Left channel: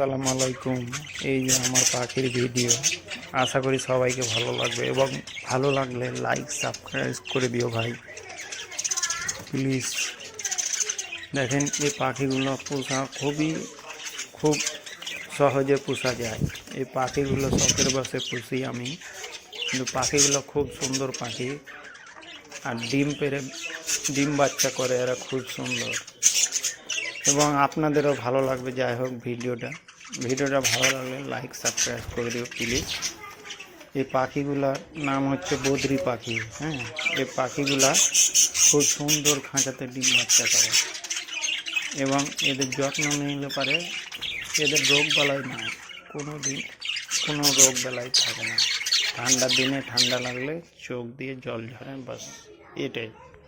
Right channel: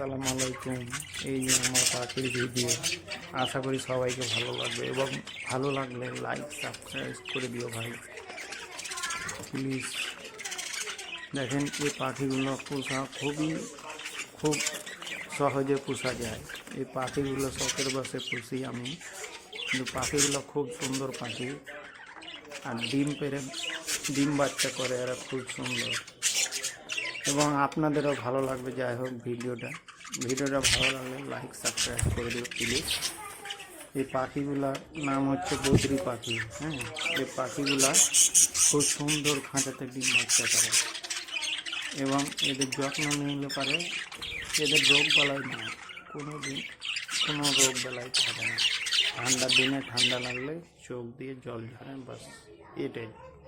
আসসালামু আলাইকুম। এই যে আমার পাখির ভিডিও, আশা করি সবাইকে ভালো লাগবে এবং ভালো লাগলে লাইক সাবস্ক্রাইব করে দিও ভাই প্লিজ। দেখেন এই পাখিগুলো পোষা খুব সহজে পোষা যায়। এই পাখিগুলো শখের বসে পুষি আমি, কিন্তু পাখিগুলো খুব সুন্দর পাখি আর ডিম বাচ্চা করে, এরা খুব সুন্দর এবং আপনাদেরও ভালো লাগবে। যাই হোক, ভিডিওটা ভালো লাগলে লাইক সাবস্ক্রাইব করে দিও প্লিজ। এই পাখিগুলার নাম হচ্ছে বদ্রি পাখি। হ্যাঁ, এই পাখিগুলা খুব সুন্দর খাঁচাতে ডিম বাচ্চা করে এবং এদের যত্ন নিলে পারে এদের রোগ বালাই না, কোনো রোগ বালাই থাকে না। ঠান্ডার দিনে ঠান্ডা লাগলে চোখ দিয়ে জল ঝরে, বাস এটাই।